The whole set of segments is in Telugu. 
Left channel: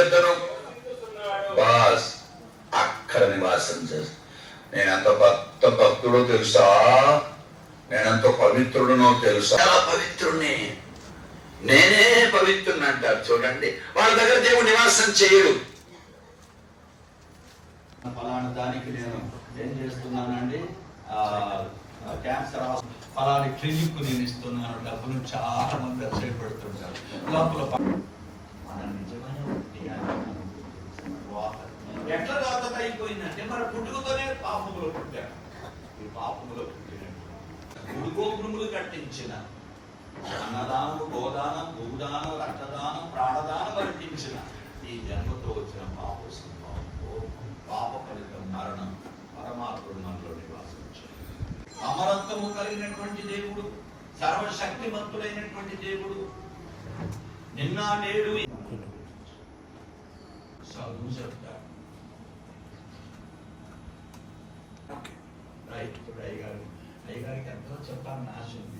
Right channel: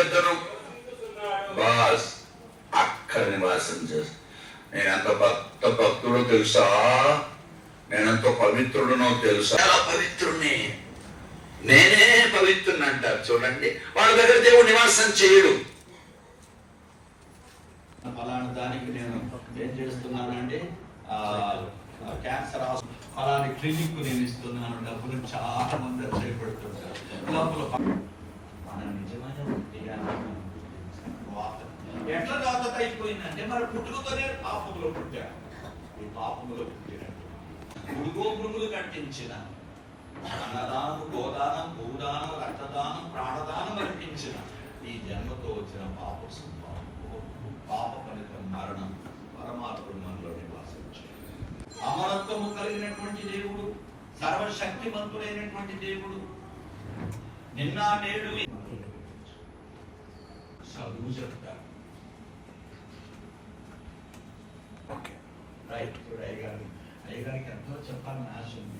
చెప్తాను బాస్ అక్కడ నివాసం చేస్తాను. నేనెంత భక్తుడో తెలుసా, నేనెంత పవిత్రుడునో తెలుసా. చాలా పవిత్రుడిని, నేనే పవిత్రుని అంటారు చూడండి. వాళ్ళ దగ్గర దేవుడు నివాసం చేయడు. ఫలానా దానికి నేను ఏం చేస్తున్నానండి, క్యాన్సర్ ఫలాని క్లినిక్ నేను ఇస్తున్నాను, డబ్బులు చాలా మంది చేపడుతుంటారు. లోపల మన నిజమైన ఎట్లా లోకత అయిపోయిందంటే మరి పుట్టుకతోనే పాపములో పుట్టారు. ఈ పాపములో పుట్టినట్టు గురుగోపురములు కట్టించిన అన్నదానం, గోదానం, భూదానం, రక్తదానం, ప్రాణదానం అర్పించిన ఈ జన్మతో వచ్చిన పాప సంభావం, పాప ఫలితం మరణం. పరమాత్ముడు మనలో నివాసించాడు. అమరత్వము కలిగినటువంటి దేవుడు, సర్వశక్తివంతుడైనటువంటి దేవుడు, నిన్న నేడు చదువు చెప్తాడు. అయ్యగారికి ఎంతో చెప్పాలని ఆశ ఉంది.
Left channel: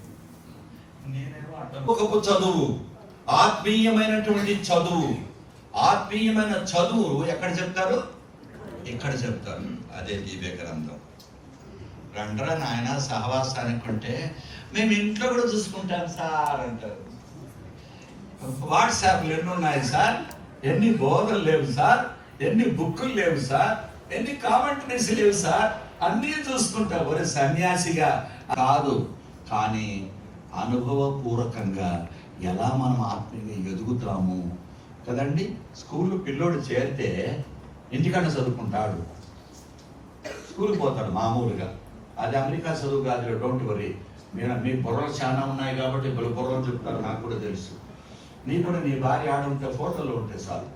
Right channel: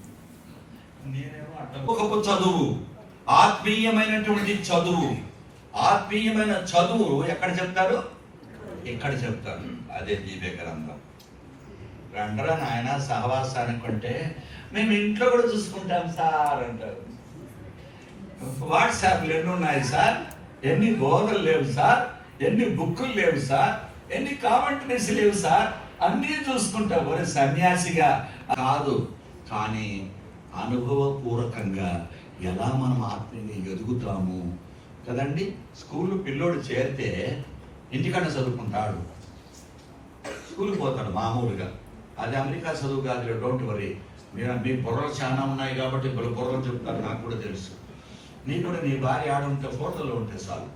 నేనేమో చదువు, ఆత్మీయమైనటువంటి చదువు, ఆత్మీయమైన చదువు ఎక్కడ చెప్తారు? ఇక్కడ చెప్తారు. అదే దివ్య గ్రంథం. రండ్రా నాయన సహవాసానికి అంటే మేము ఇంట్లో కూడా చూసుకుంటాం సార్ అంటారు. వాట్సాప్లు ఎన్ని ఉన్నాయి సార్, ఎన్ని బోధలు లేవు సార్, ఎన్ని బుక్కులు లేవు సార్, ఎన్ని కామెంటరీస్ లేవు సార్, అన్నీ చూసుకుంటావు. ఒరే సన్యాసిగా కాదు, కానీ అనుభవపూర్వకంగా ఎలా మనం ఆత్మీయంగా ఎదుగుతాము కదండి. స్కూల్ పిల్లోడు చేరితే ఇంటికన్నా చదువుకుంటాడు, స్కూల్కి పోతాడు మామూలుగా. అది అమెరికా చదువు కాదు, డోంట్ వరీ. మీ బుర్రలు చాలా ఉన్నాయి కాబట్టి బుర్రలు చెప్తారు, నాకు కూడా తెలుసు. నీ కూడా నీ భార్య ఆడుంటే ఫోటోలు ఉంటే చాలు.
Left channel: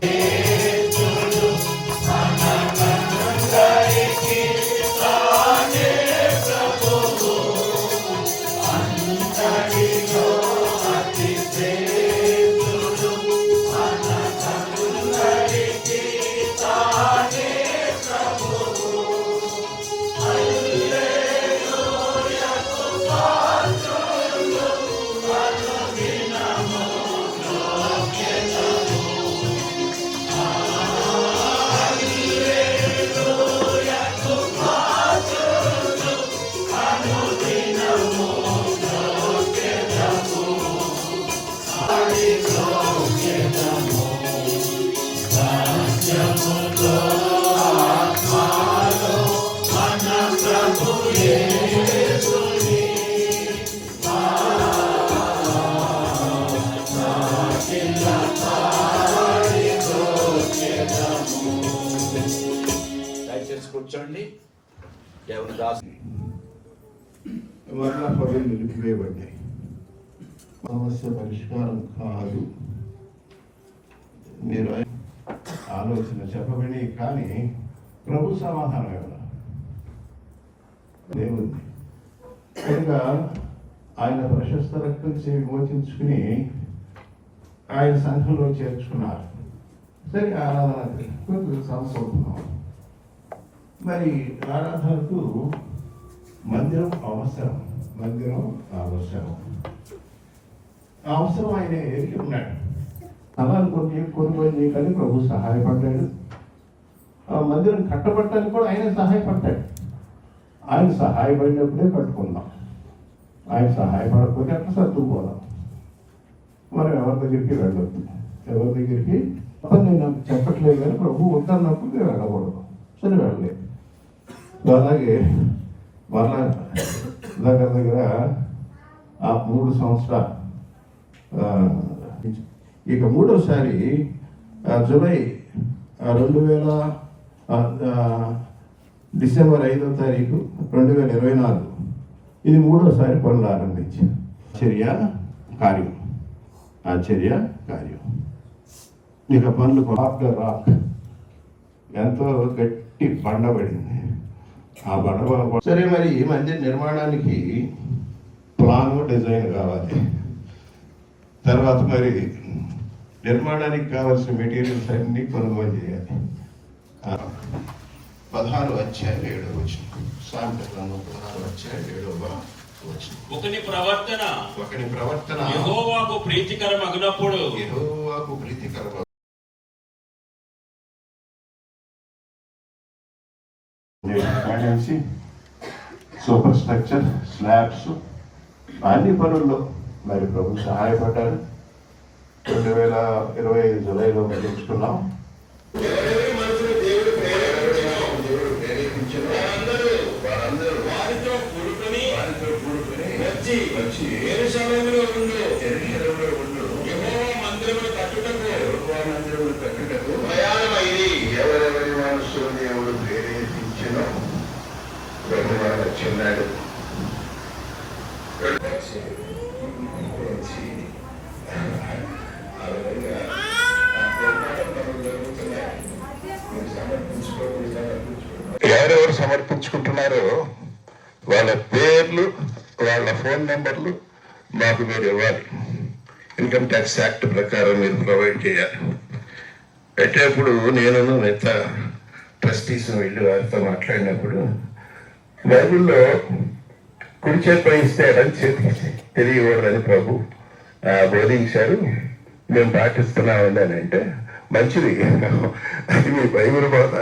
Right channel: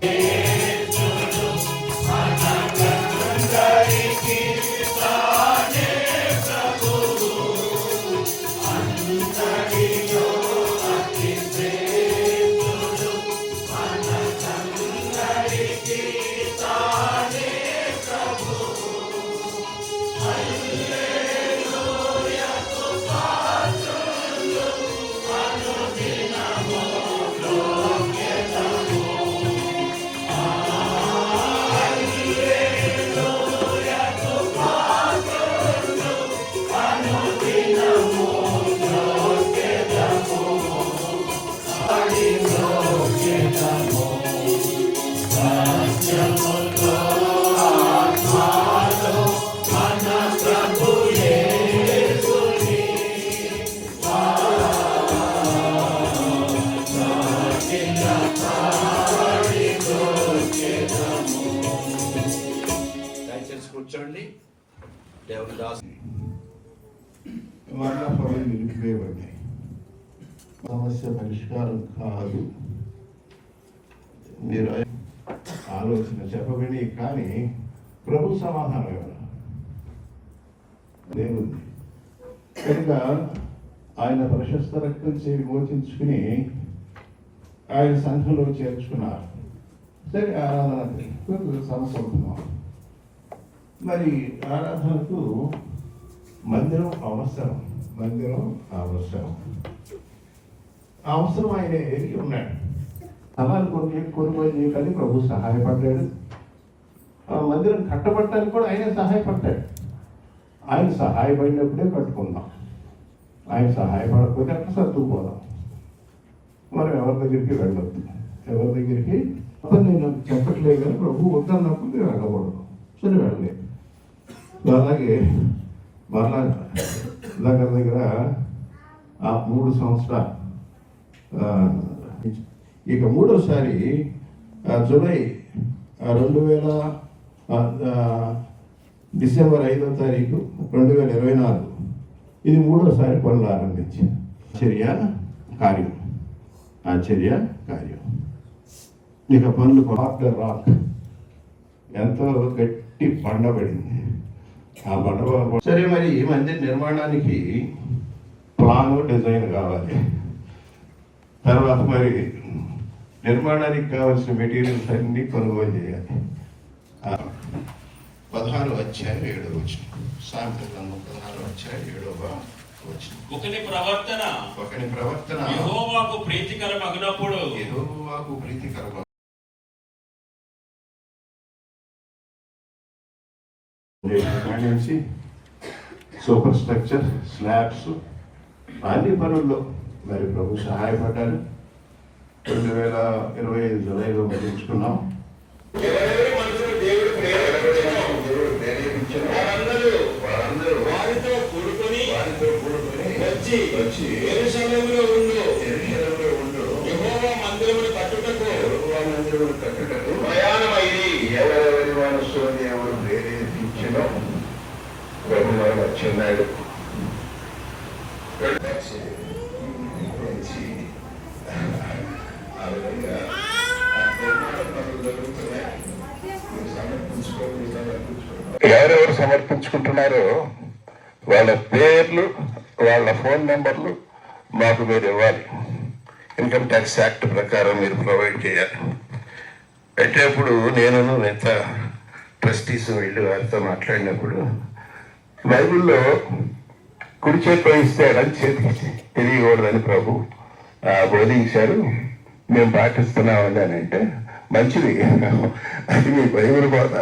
కూర్చోండి. దేవుని దాసు మరలా పనులు నిలిపివేయబడ్డాయి. సమస్య పరిష్కారం కాదు. మీరు ఆలోచన చెప్పబడి కానీ ప్రభు సమాధానం ఎవరు దేవుంది కనుక ఆయన ప్రశస్త రక్తం చే విమోచించుకుని ఆయన సంఘంలో చేర్చుకున్నారు. సరే, ఆరాధన సంవత్సరం. మరి ఆరాధనకు మందిరం అవసరం, మందిరం అవసరం. అవసరం ఆయన ఎరిగి ఉన్నాడు. స్థలాలు కొనుగోలు చేయడానికి ప్రభు సహాయపడ్డాడు. మందిరం కట్టబట్టడానికి కూడా ఆయన సహాయపడ్డాడు. ఆయన సహాయపడినప్పుడే కట్టుకుందాం, ఆయన సహాయపడకపోతే అట్లా సర్దుకుపోదాం. మనం ఎవరి దగ్గరికి వెళ్ళొద్దు, ఎవరి దగ్గరికి నేను చెప్పట్లేదు కానీ ప్రభు వద్దన్నప్పుడు నేను వెళ్ళకూడదు. సరే, వెళ్ళలేదు. అలాగే వాళ్ళ దగ్గర 3 సంవత్సరాలు, ఇక మూడోసారి జూలై 2000 డిసెంబర్ 5వ తారీఖు 2024 ఇది మూడోసారి పనులు ఆరంభించారు. ఆశ్చర్య కార్యం. ఇక పనులు ఆఫ్టర్ రాక్ ఎంతో గట్టి బండబడింది. ఆ బండ సరే, మరి ఈ మందిర నిర్మాణానికి ప్లాన్ డిజైన్ కావాలి. తర్వాత మరి నిర్మాణానికి కావాల్సిన మెటీరియల్స్ అన్ని కొనుగోలు చేయాలి. 16 అధ్యాయం 7వ వచనం. సామెతల గ్రంథం 16 అధ్యాయం 7వ వచనం. ఒకని ప్రవర్తన యెహోవాకు ప్రీతికరమగునప్పుడు ఫౌండేషన్ నుంచి సూపర్ స్ట్రక్చర్ స్లాబ్స్ అన్ని పనుల్లో మరి ప్రభు సహాయపడ్డారు. 2025 జూలైలో ముగించుకున్నాం. ఎవరెవరి మనసును దేవుడు ప్రేరేపించిన వారందరూ వారితో కూడుకొని వచ్చి యెరూషలేములో ఉండు యెహోవా మందిరమును కట్టుటకు ప్రయాణమైరి. ఎవరెవరి మనసులో దేవుడు ప్రేరేపించినో ప్రభు వాడు వచ్చిన్నాడు. ఎవరెవరు సమర్పించుకుంటున్నారో వాళ్ళ పేర్లు, వాళ్ళ ఫోన్ నెంబర్లు మాకు మీరు ఇవ్వాలి. ఇన్కమ్ ట్యాక్స్ యాక్ట్ ప్రకారం మీరు ప్రొవైడ్ చేయాలి. పెట్టేప్పుడు నేను మిగతా ట్రస్టీస్ వెళ్ళి వారితో మాట్లాడినప్పుడు బైబిల్లో కుడి చేతిలో ఇస్తే ఎడం చేతికి తెలియకూడదని ప్రభు బోధించారు. మేము పాటిస్తున్నామని అని అంటే మంచిది, అది మీ బైబిల్ బోధ.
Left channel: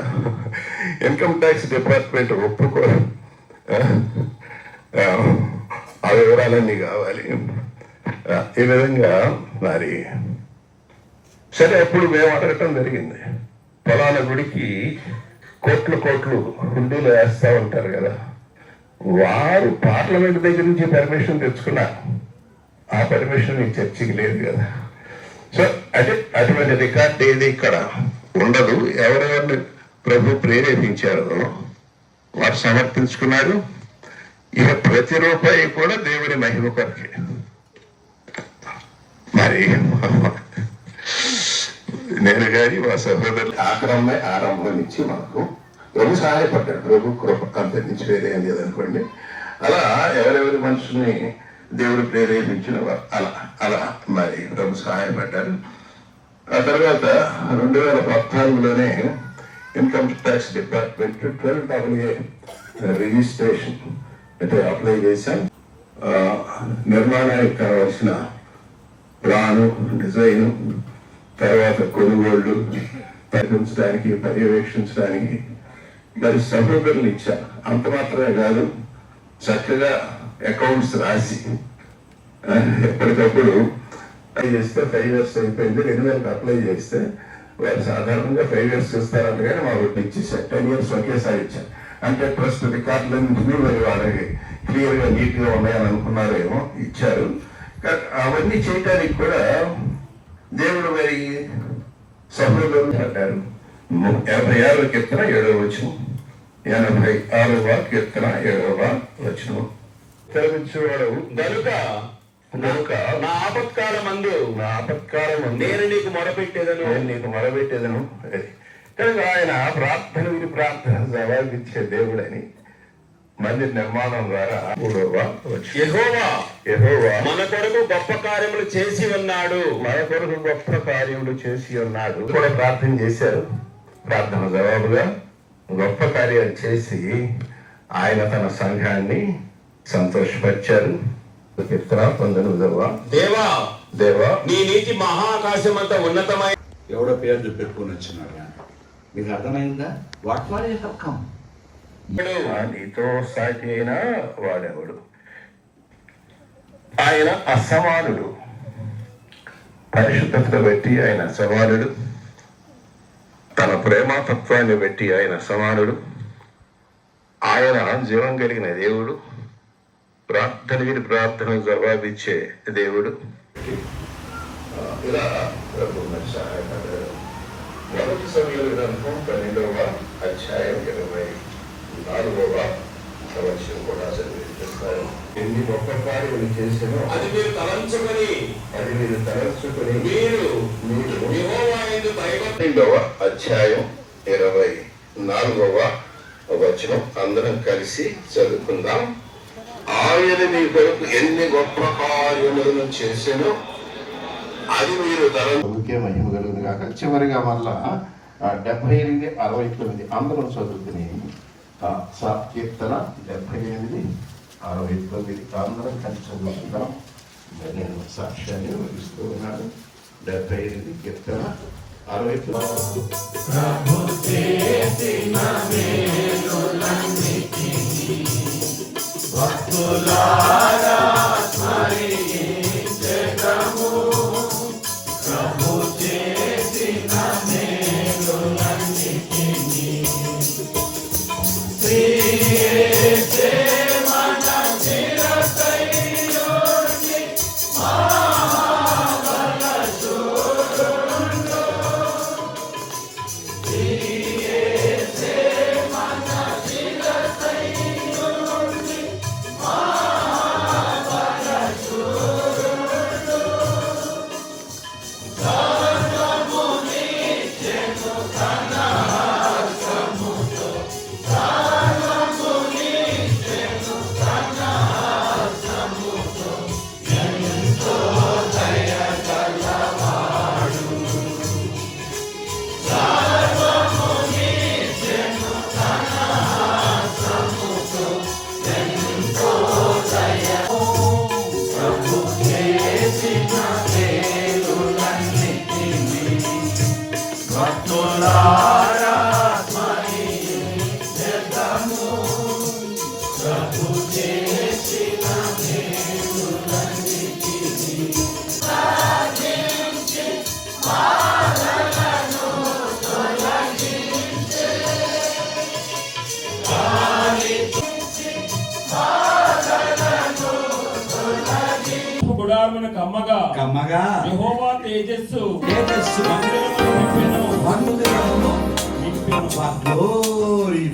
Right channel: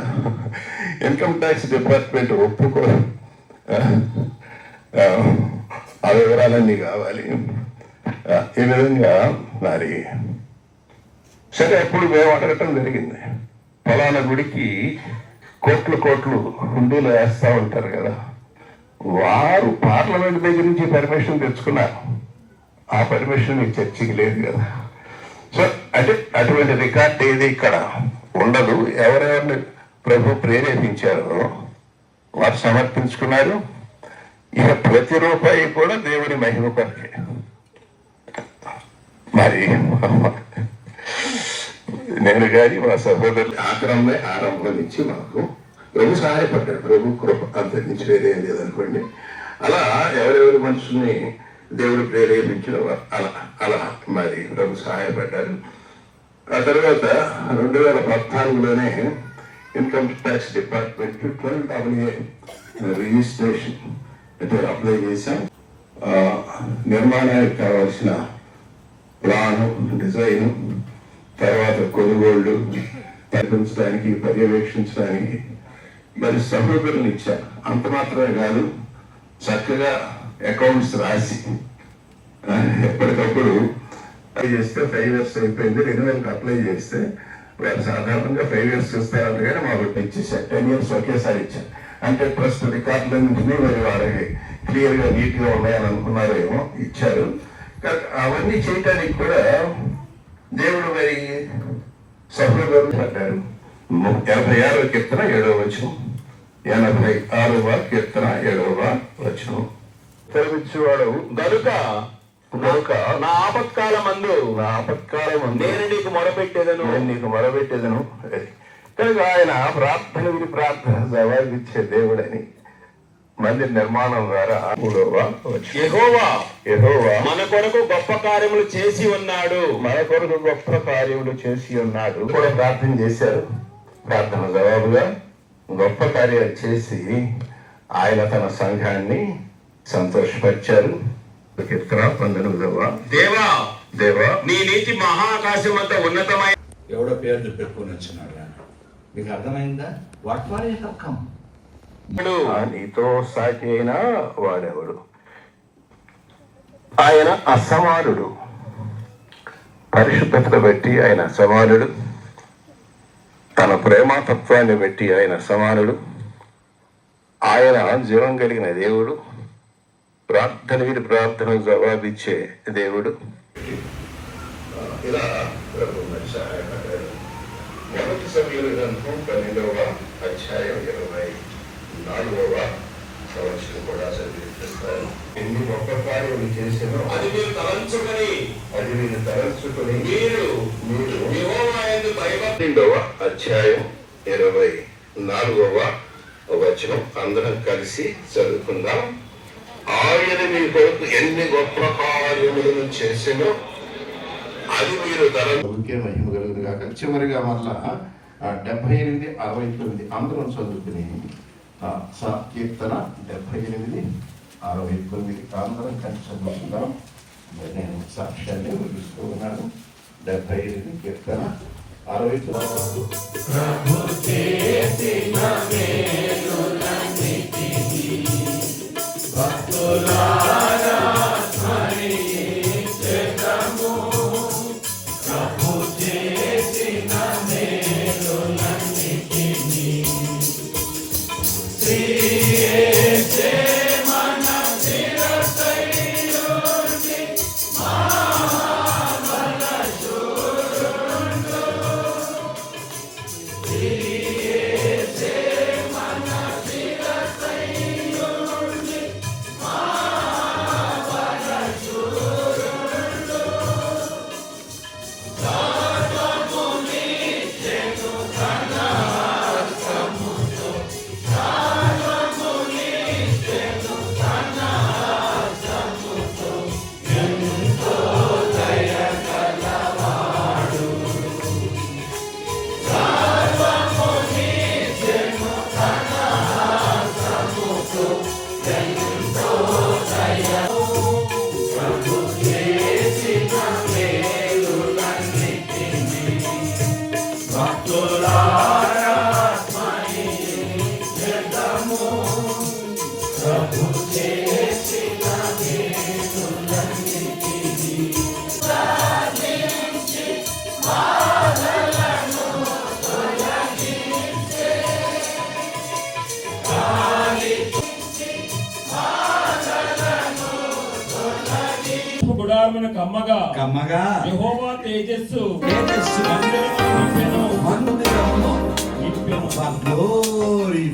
ఇన్కమ్ ట్యాక్స్ డిపార్ట్మెంట్ ఒప్పుకో, ఆ వివరాలన్నీ కావాలి. ఈ విధంగా మరి సరే అప్పుడు మేము అడగటం జరిగింది. ఫలానా గుడికి కోట్లు హుండీలు వేస్తూ ఉంటారు కదా, వారు పార్లమెంట్ దగ్గర నుంచి పర్మిషన్ తెచ్చుకున్నారు. ఆ పర్మిషన్ ఈ చర్చికి లేదు కదా. సో అంటే అటువంటి రికార్డ్ ఏది ఇక్కడ ఉండదు. ఎవరెవరిని ప్రభు ప్రేరేపించారో వారు సమర్పించుకున్నారు. ఇక ప్రతి రూపాయి కూడా దేవుడి మహిమ కొరకే. మరి నేను కానీ మా సహోదరులు ఆరంభం నుంచి మాకు ప్రభు సహాయపడ్డాడు. ప్రభు కృప అంతరించి వేరే ఏం లేదనుకోండి. అలా ఎవరెవరి మనుషుల్ని దేవుడు ప్రేరేపించిన అలా మరి ప్రభు సహాయపడ్డారు. ఆ తర్వాత 2014లోనే income tax department 12AA registration అంటే అప్లై చేశాం. నిర్మాణానికి కావాల్సిన ప్లాను, డిజైను, తర్వాత కొనుగోళ్లు పరిగణించడానికి, పర్యవేక్షించడానికి మరి సభ్యులను ఇచ్చాను. అంత మాత్రమే కాదు, చక్కగా అకౌంట్స్ రాసి ఎప్పటికప్పుడు అప్లై చేస్తే 5 years అయిపోయింది. 2000 అప్లై చేస్తే వారు సాధారణంగా 5 years ఇస్తారంట, కానీ మాకు ఇచ్చేసారు 10 years ఒకేసారి ఇచ్చారు. అంటే ప్రస్తుత రికార్డులన్నింటినీ మరి వాళ్ళకి క్లియర్గా నీట్గా ఉన్నాయని అనుకున్నారేమో, ఇచ్చారు. అవన్నీ చేయడానికి కూడా దేవుడు మరి సభ్యులు పడ్డారు. 56వ కీర్తన 7వ వచనం, 86వ కీర్తన 7వ వచనం. గనుక నా ఆపత్కాలమందు నేను నీకు మొరపెట్టేదను. కనుక ఆయన ప్రార్థన జవాబిచ్చే దేవుడని మందిర నిర్మాణం ద్వారా యెహోవా మన కొరకు గొప్ప కార్యములు చేసి ఉన్నాడు. కూడా ప్రార్థన చేశారు. ప్రార్థన జవాబుగా గొప్ప కార్యాలు చేసి ఆయన తన సంఘాన్ని సంతోషపరిచారు. కీర్తన 19వ. దేవా నీ నీతి మహాకాశమంత ఉన్నతమైన. ఎవడో పేర్లు పెట్టుకుని వచ్చినారా? మీకు అర్థమైందా? What for you have come? నీతో సాటి అయిన వాడెవడు? ఆయన అసమానుడు. పరిశుద్ధతను బట్టి ఆయన అసమానుడు. తన ప్రేమతత్వాన్ని బట్టి ఆయన అసమానుడు. ఆయన జీవం కలిగిన దేవుడు. ప్రార్థన జవాబిచ్చే దేవుడు. ఇలా సహాయపడ్డారు. 1 సమూయేలు గ్రంథం 12వ అధ్యాయం 24వ సంవత్సరం కూడా చదివిస్తారు. ఎన్ని గొప్ప కార్యాలు చేసినా అది మీరు తలంచుకొని మీరు యెహోవా యందు దైవ. 12వ అధ్యాయం 24వ వచనం అందరం కలిసి చదువుకుందాం. ఆయన మీ కొరకు ఎన్ని గొప్ప కార్యములను చేసినో అది మీరు తలకే మహిమ కలుగుతుంది కాక. చివరిగా మళ్ళా 78, 69 అందరం చదువుకుని కీర్తన 78, 69 అందరం కలిసి చదువుకుందాం. నేను సాక్ష్యాన్ని వహిస్తూ ఉన్నాను. 78 కీర్తన 69. గుడారమున కమ్మగా కమ్మగా యెహోవా తేజస్సు తేజస్సు మందిరమును నింపెను. మందిరమును నింపెను. గ్లోరీ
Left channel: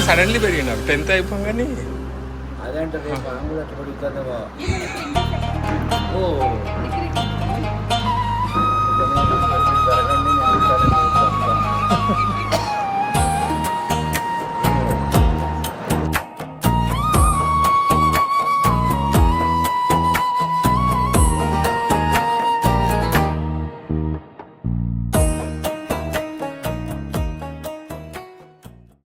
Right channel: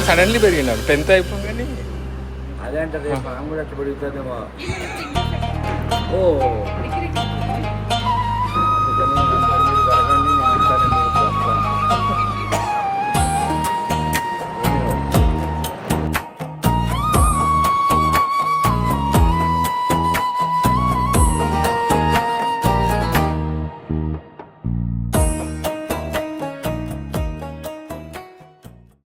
ఇంకా సడన్లీ పెరిగినారు 10th అయిపోగానే. అదే అంటే రేపు ఆమె కూడా ఎట్లా పెరుగుతుందేమో. ఓ అందుకని